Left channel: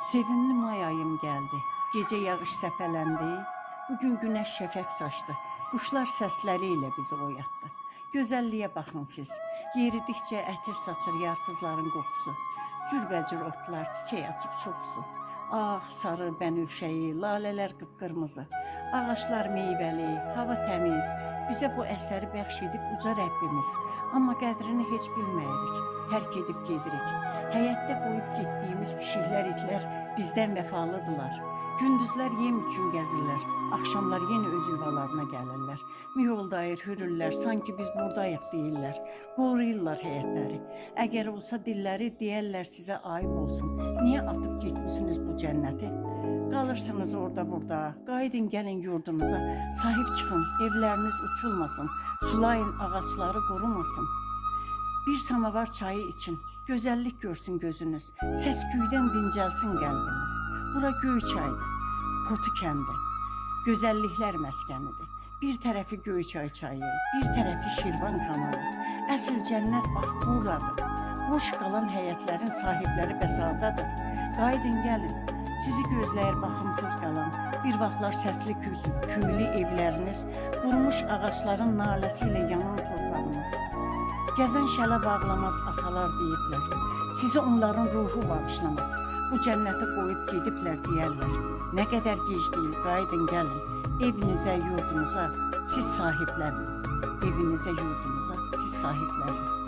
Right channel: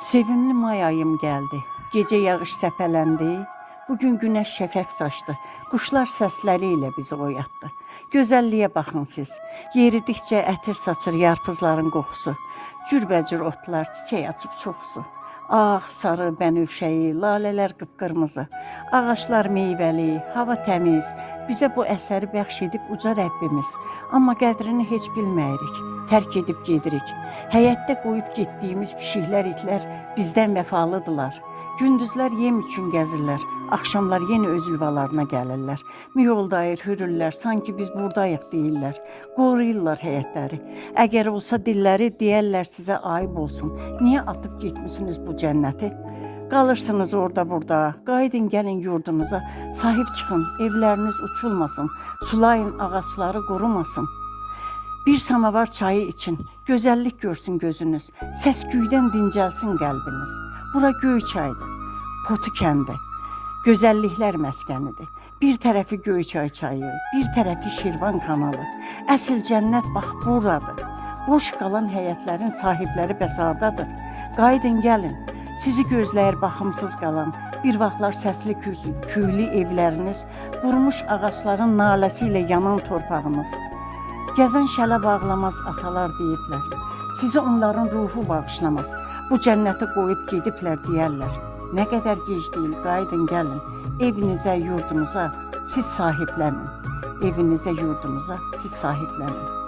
Sevimli may ayım geldi. Gece yağış səpələndi. Bugün güneş şəfəq saçdı. Quşlar səsləriyle bizi oyatdı. Gözəlliyə baxın siz. Yeridikcə ətir saçır yarpızların qoxusu. Cürbəcür otlar çiçək açıb çoxsu. Ağ, sarı, bənövşəyi, lalələr qıpqırmızı. Ağaçlar meyvəli, hava təmiz. Bizə bu əsəri bəxş edib uca Rəbbimiz. Amma qədrini heç bilməyirik. Tərk edib gedirik. Həyətdə qoyub getdiyimiz pişiklər, itlər bizdən vəfalıdırlar. Gündüzlər yem üçün gəzirlər, axşamlar yenə öz yuvalarına gəlirlər. Miyoldayır, hürürlər, sanki biz buradayıq deyirlər. Qoruyurlar həyətləri. Əgər olsa dilləri deyərlər sizə ayıb olsun. Niyə atıb getmisiniz bu cənnəti? Qalırsınız orada burada, qaydın gəlin yurdunuza. Sahib çıxın, evləriniz uçulmasın, sulayın ağaçları qurumasın. Bir samavar çayı için, gözəllik görsün gözünüz, səs-küydən dincəlsin qəlbiniz. Bura Göyçaydır, Potu kəndi, gözəlliklər məskənidir. Bir tərəfi Göyçay çayı, bir tərəfi Şirvan kanalı. Əsl cənnət bax buradır. Boş qalan həyətlərin sahibləri bəsardadır. Qaydın gəlin, sizi gözləyir baxımsız qalan, bir vaxtlar səsli küylü evləriniz, qurumuş ağaçların naləsi ilə yanan torpağımız. Gəzən şələ bağlamaz atalar deyiblər. Sizi onların ruhu bağışlamaz. Bu cənnəti qoyub gediblər deyərlər. Nə qədər gec deyil, qaydın gəlin. Evinizə, yurdunuza siz sahiblənin. Evinizə, yurdunuza siz sahiblənin.